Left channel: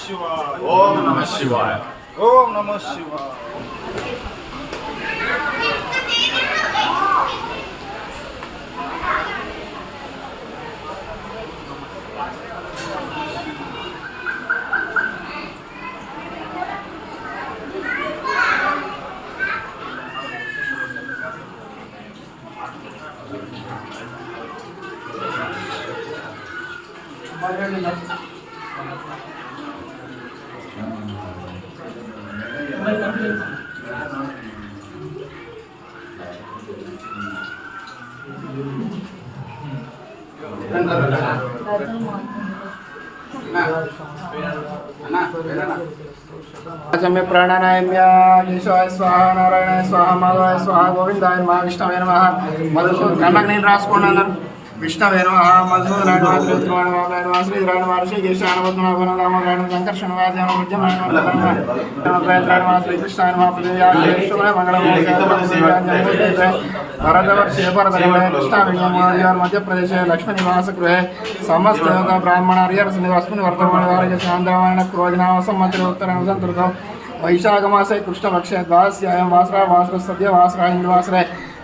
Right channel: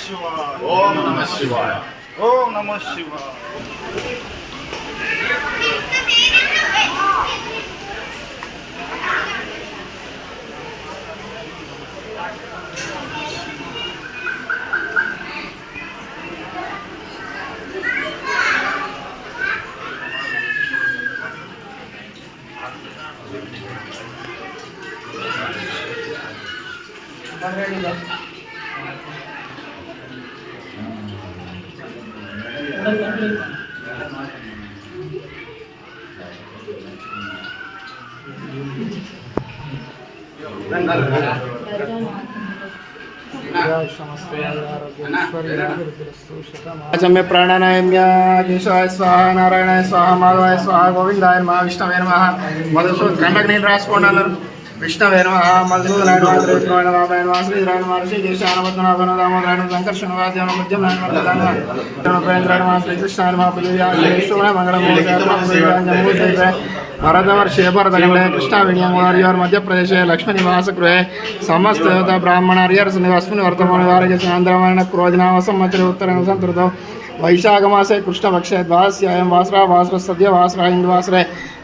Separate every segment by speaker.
Speaker 1: Shivaya.
Speaker 2: Om Namah Shivaya.
Speaker 1: Om Namah Shivaya. Thank. శివాయ
Speaker 3: सम्य प्राणायाम्य केशवाय स्वाहा నారాయణాయ స్వాహ మాధవాయ స్వాహ గోవిందాయ నమ విష్ణవే నమ మధుసూదన్ కళ్ళకు నేను రాసుకోండి అన్నారు విష్ణవే నమ మధుసూదనాయ నమ త్రివిక్రమాయ నమ రామాయ నమ శ్రీధరాయ నమ ఋషికేశాయ నమ పద్మనాభన దామోదరాయ నమ సంకర్షణ వాద్య నమ ముద్యమాయ నమ ప్రధాన నమ ప్రేంద్రాయ నమ శ్రీకృష్ణాయ నమ పుజయాయ మంగళం भरतवर्षे भरतखण्डे कृष्णाविणीयमुनार्योर् मध्यप्रदेशे लक्ष्मीनिवासगृहे समस्तदेवता ब्राह्मणार्यर्स्मिन् वर्तमानवारस्य आन्ध्रमाण क्रोधिनामसंवत्सरे उत्तरसंस्कृतो वैशाखमासे कृष्णपक्षे द्वादश्यायं वासरा वासरः सद्य वासरा हिन्दुवासरे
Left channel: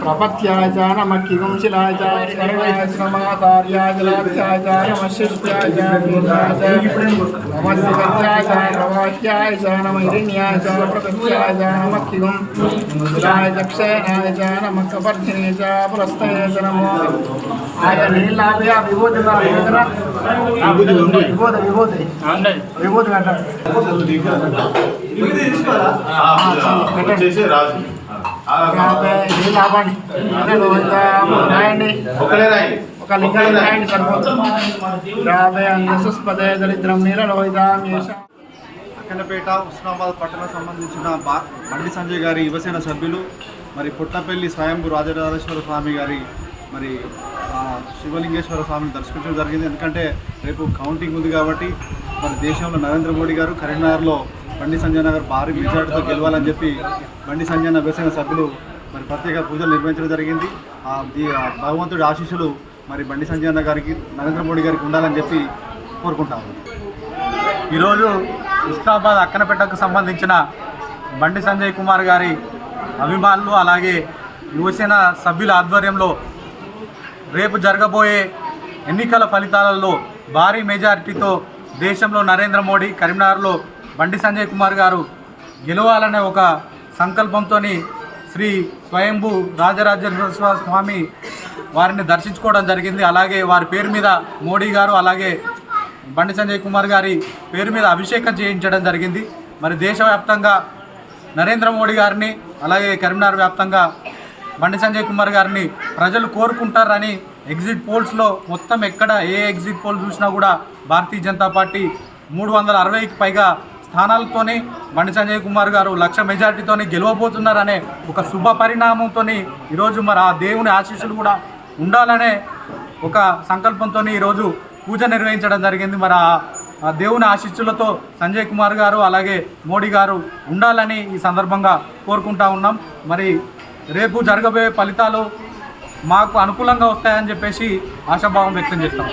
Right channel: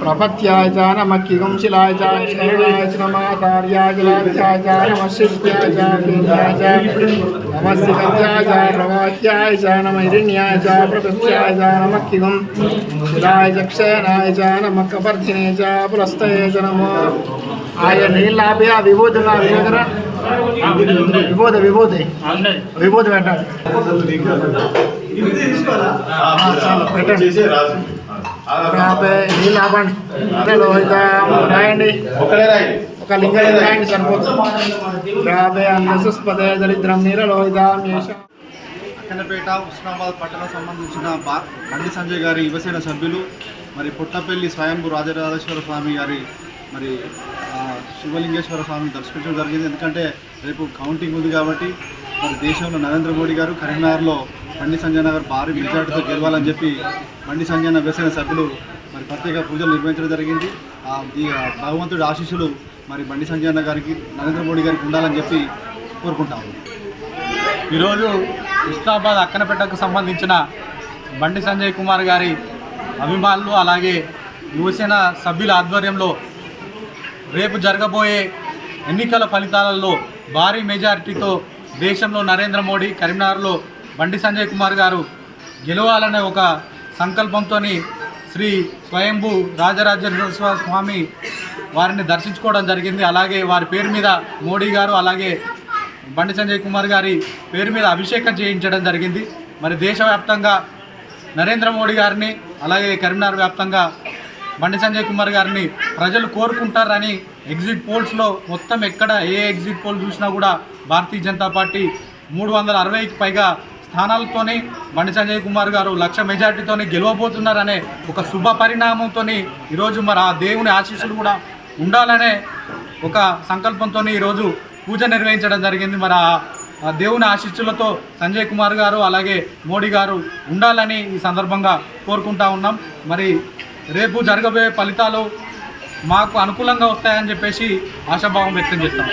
Speaker 3: ప్రపత్యాయ చ నమక్కిగం శిలాయ చ శరణాయ చ నమాతార్యాయ జలాధ్యాయ చ నమశిష్యాయ చ పిండాయ చ నమస్తికత్యాయ చ ప్రవాహ్యాయ చ నమైరిణ్యాయ చ ప్రపత్యాయ చ నమక్కిగం శిలాయ చ క్షయనాయ చ నమకపర్ధినే చ పురస్తయ చ నమో ఆయన నీళ్ళు ఆపి ఆ విభూతి విభూతి విభూతి
Speaker 2: చేసే రాజు
Speaker 3: నీళ్ళు ఆపండి రాయండి ఒక రాయండి రాబే అన్నసుస్పదే దరిద్రం
Speaker 1: అక్కనపేట ఉస్మానాబాద్ పట్టణం సంబంధించిన బండి సంజయ్ గారి యువసేన సభ్యులు మరి పుట్టపల్లి స్వయంభూ రాజరాజేశ్వర స్వామి గారి మరి ఆ, శివలింగేశ్వర స్వామిని దర్శించడం జరిగింది ఎందుకంటే రేపు కౌంటింగ్ ఉంది కాబట్టి మరి దేశంలో నరేంద్ర మోడీ గారు కరీంనగర్లో బండి సంజయ్ నగర్ భారీ మెజార్టీతో గెలవాలని చెప్పి బండి సంజయ్ నగర్ సభ్యులు మరి ప్రత్యేక పూజలు నిర్వహించడం జరిగింది. ఆ భగవంతుడి ఆశీస్సులు మరి బండి సంజయ్ అన్న గారికి నరేంద్ర మోడీ గారికి ఉండాలని చెప్పి కోరుకుంటాము
Speaker 4: ఈరోజు ఉస్మాబాద్ అక్కనపేటకు సంబంధించిన బండి సంజయ్ కుమార్ గారి అభిమానులు అలాగే యువసేన సభ్యుల ఆధ్వర్యంలో రేపు జరగబోయే ఎన్నికల ఫలితాలలో భారీ మెజారిటీతో దేశంలో నరేంద్ర మోడీ కరీంనగర్లో బండి సంజయ్ కుమార్ గారు గెలవాలనే ఒక సంకల్పంతో శ్రీ స్వయంభూ రాజరాజేశ్వర స్వామి వారిని దర్శించుకోవడం జరిగింది. అలాగే వారి పేరు మీద మోడీ గారు అలాగే బండి సంజయ్ కుమార్ గారి పేరు మీద అభిషేకం చేయించడం జరిగింది. మరి దేశవ్యాప్తంగా నరేంద్ర మోడీ గారిని అలాగే కరీంనగర్ వ్యాప్తంగా బండి సంజయ్ కుమార్ గారిని ప్రజలు కోరుకుంటారని ఎగ్జిట్ పోల్స్లో మొత్తం ఎక్కడ ఏ ఎగ్జిట్ పోల్ చూసినా కూడా భారతీయ జనతా పార్టీ మూడు వందల అరవైకి పైగా స్థానాలతోని బండి సంజయ్ కుమార్ గారు లక్ష మెజార్టీతోని గెలవబోతున్నారనే ఒక శుభ పరిణామంతో ఈరోజు మరి ఆ దేవుని ఆశీస్సులు కూడా ఉండాలనే ఒక సంకల్పంతో ఈరోజు పూజ నిర్వహించడం జరిగింది. మరి ఆ- ఆ దేవుని ఆశీస్సులతో సంజయ్ కుమార్ గారు అలాగే మోడీ గారు ఉండాలని ఈ సందర్భంగా కోరుకుంటా ఉన్నాం. మరి రేపు జరగబోయే ఫలితాలు మాకు అనుకూలంగా వస్తాయని చెప్పేసి ఆశాభావం వ్యక్తం చేస్తాం.